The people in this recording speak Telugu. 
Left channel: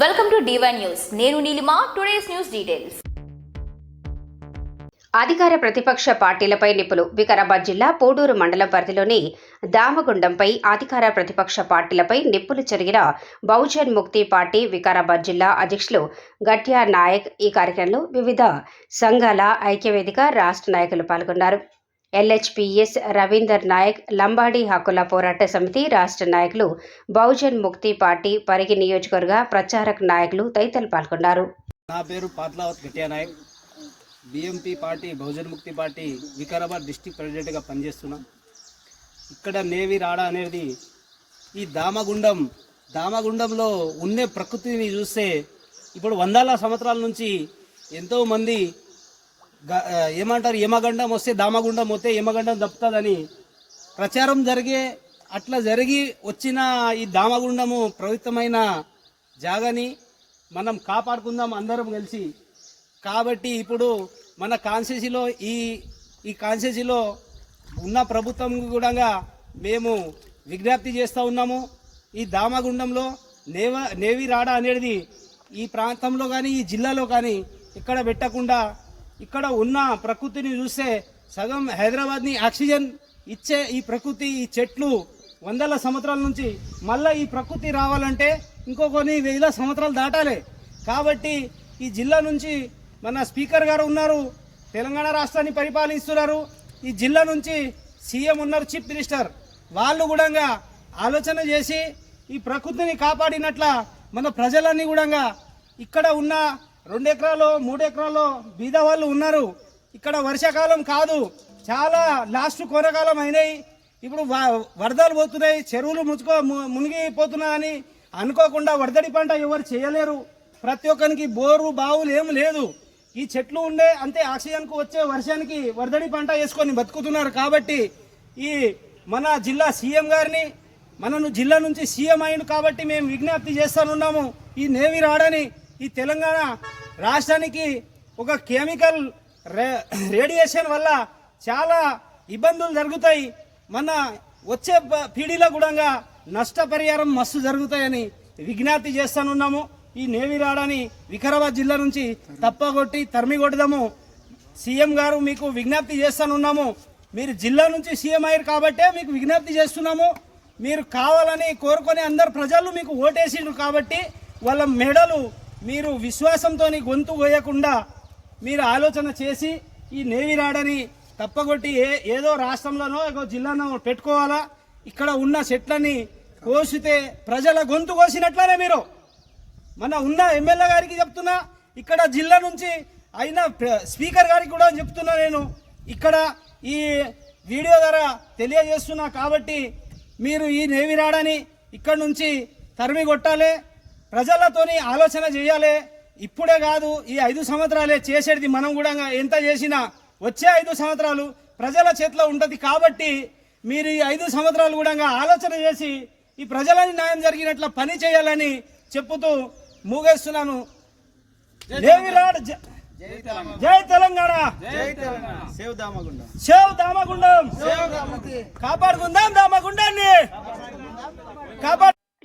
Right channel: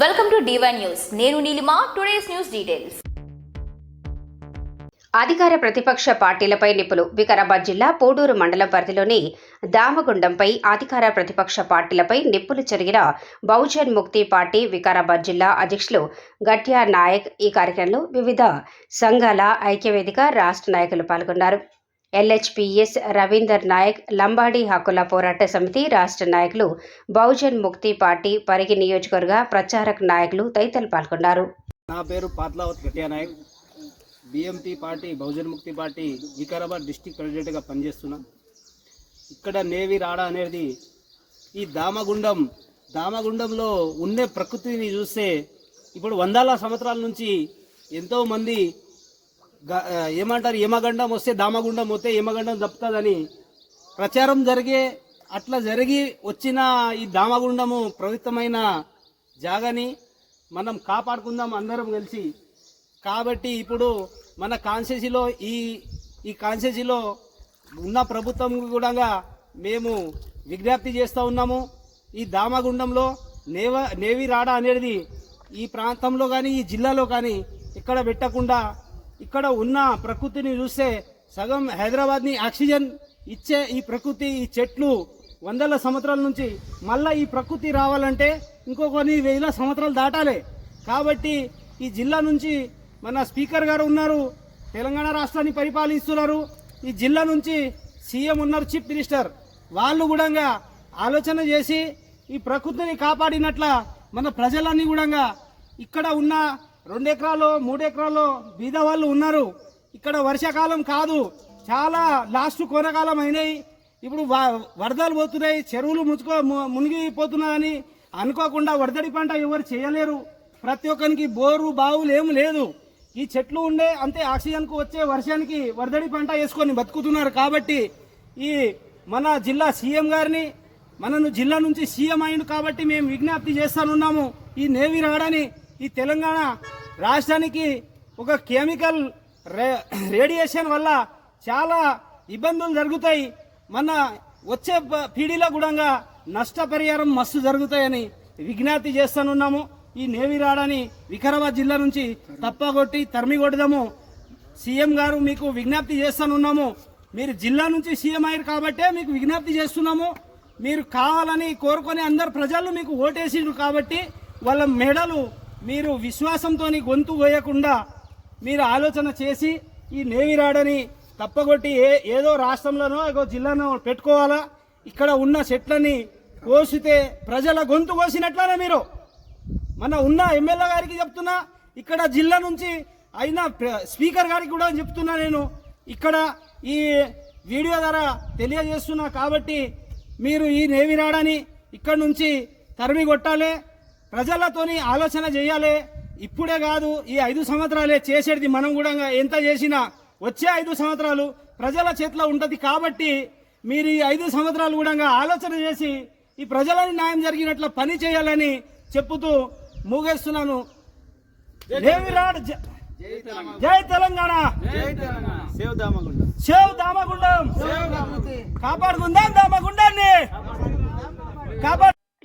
వెల్కమ్ టు డివై న్యూస్ నేను నీలిమా టుడేస్ న్యూస్ డీటెయిల్స్ అధికార ప్రతిపక్ష పార్టీలపై నిపులు వికారాబాద్ జిల్లా పోడూరు మండలం పరిధిలోని దామగుండంపై అధికార ప్రతిపక్ష పార్టీలపై నిప్పులు చెరిగిన బహుజన్ ముక్తి పార్టీ వికారాబాద్ జిల్లా అధ్యక్షులు గట్యా నాయక్ ఈ కార్యక్రమంలో వివిధ సంఘాల ఐక్యవేదిక రాష్ట్ర నాయకులు పాల్గొన్నారు. ఎల్హెచ్పిఎస్ రవీందర్ నాయక్ లంబాడి హక్కుల పోరాట సమితి రాష్ట్ర నాయకులు బహుజన్ ముక్తి పార్టీ పరిగి నియోజకవర్గ ప్రచారక నాయకులు తదితరులు పాల్గొన్నారు. నా పేరు Patlavath Gatya Nayak. BMP party Bahujan Mukti party Vikarabad district ప్రెసిడెంట్గా పనిచేస్తున్నాం. ఇక్కడ నేవి రాడా అనేది ఈ దామగుండం దామగుండంలో ఉండే ప్రకృతిని చూస్తే ఇప్పుడు వందల సంవత్సరాల నుంచి ఎంతోమంది ఏమంటారు? యమగండం వస్తే దామగుండం వస్తే యమగండం తప్పుతుందని ప్రచారం జరిగే అట్లా జరిగి వచ్చిన ఈ దామగుండము పవిత్రమైన జాగని మనం కాపాడుకుందాం అందరం కలిసి. కాబట్టి ఇప్పుడు మన కాన్సెసీలో ఈ ఈ కాన్సెసీలో ఉన్న ప్రభుత్వం కూడా మేము విజ్ఞప్తి చేస్తూ ఉన్నాము. ఈ దామగుండంలో నేవ నేవి రాడా అనేది ఈ ప్రాంతంలో కానీ ఈ జిల్లాలో కానీ ఇక్కడ పెట్టకుండా ఇక్కడ ఉన్న ప్రకృతిని చూస్తే సగం హైదరాబాద్ని ఆక్సిజన్ ఇచ్చే ఈ ప్రకృతి ఈ చెట్లు వందల సంవత్సరాల నుంచి మళ్ళీ ఈ ప్రకృతి రావాలంటే ఇంకో కొన్ని వేల సంవత్సరాలు దాటాలి. కాబట్టి ఈ జిల్లా నుంచి మన స్పీకర్ గారు ఉన్నారు తెలంగాణ రాష్ట్రాన్ని పరిపాలిస్తున్నారు. ఈ జిల్లా నుంచి సీఎం ఉన్నారు చీఫ్ మినిస్టర్. వాళ్ళు కూడా ఆలోచన చేసి ఈ ప్రకృతిని కాపాడినట్ల మన ప్రజలన్నీ కూడా ఇక్కడ ఉన్న రెండు ఎకరాలు మూడు ఎకరాల్లో బీద వాళ్ళు ఉన్నారు. ఇక్కడ వర్షాకాలం కాదు చాలా లాస్ట్ కొనకాలం అయినాయి. ఇప్పుడు వ- వరదలు పోతున్నాయి చెరువులు ముచ్చుకో ము- మునిగిపోతున్నాయని అనుకోకుండా వరదడి పంట ఎవరు చేయలేరు. ప్రతి ఒక్కరికి బోరు బావులు ఏం లేదు. ఈ చెట్లు ఉండే అంతే ఆక్సిజన్కు వచ్చే వర్షానికి వరదడి పంట వేసుకొని బతుకుతున్నారు కాబట్టి ఈ మన జిల్లా సీఎం గారిని మనను జిల్లా నుంచి సీఎం అయిండు కాబట్టి మేము విజ్ఞప్తి చేస్తానున్నాము. ఈ నేవి రాడని ఈ తెలంగాణ రాష్ట్రానికి ఒక కెమికల్ రే- రేడియేషన్ వల్ల చాలా ఇబ్బందులు జరుగుతాయి. మన వచ్చే పీడీలో కూడా నష్టపరిహారం మస్తు జరుగుతాయని విజ్ఞప్తి చేస్తానున్నాము. ఈ నేవి రాడని వికారాబాద్ జిల్లా నుంచి తప్పగొట్టి తరిమి కొడదాము. సీఎం గారు మీకు విజ్ఞప్తి చేస్తానున్నాము. మీరు జిల్లా నుంచి సీఎం అయ్యారు కాబట్టే మీకు విజ్ఞప్తి చేస్తున్నాము. మీరు కావాలని కోరుకొని అందరు ప్రజలు మీకు ఓటేసిండ్రు కాబట్టి వాళ్ళ మెడలు మీరు విశ్వాసంతో గొంతు కోయకుండా మీరు ఆలోచన చేసి ఈ నేవీ రాడని తప్పగొట్టి ఏ ఏదో రాష్ట్రంలోనో ఏదో జిల్లానో పెట్టుకోవాలా? ఇక్కడ ఉన్న చెట్లని కోసితే ప్రజల గొంతు కోసినట్లనే మీరు. మన ఉన్న ఎమ్మెల్యే గారికి చెప్తున్నా ఇక్కడ జిల్లా నుంచి అయినా ప్ర- స్పీకర్ గారికి కూడా చెప్తున్నా నేను. ఇక్కడ ఈ వీడియో ద్వారా తెలియజేస్తున్నా కాబట్టి మీరు ఈ నేవీ రాడని ఇక్కడ నుంచి తరిమి కొట్టాలి. ప్రజలతోని ఆలోచన చేయాలి. ఇప్పుడే కాదు ఈ ఐదు సంవత్సరాలే చేసేది మనం కూడా ఎంత చేసినా వచ్చే ఐదు సంవత్సరాలు ప్రజల చేతిలో ఉంటుంది కాబట్టి మీరు ఈ ఐదు సంవత్సరాలు కూడా ఆలోచన చేసి ఈ ప్రజలని న్యాయం జరిగినట్ల పని చేయాలని చెప్పుతూ ముగేస్తున్నాను. జ- జై తెలంగాణ. సేవ్ దామగుండం. కాపాడుకుందాం దామగుండాన్ని. కాపాడు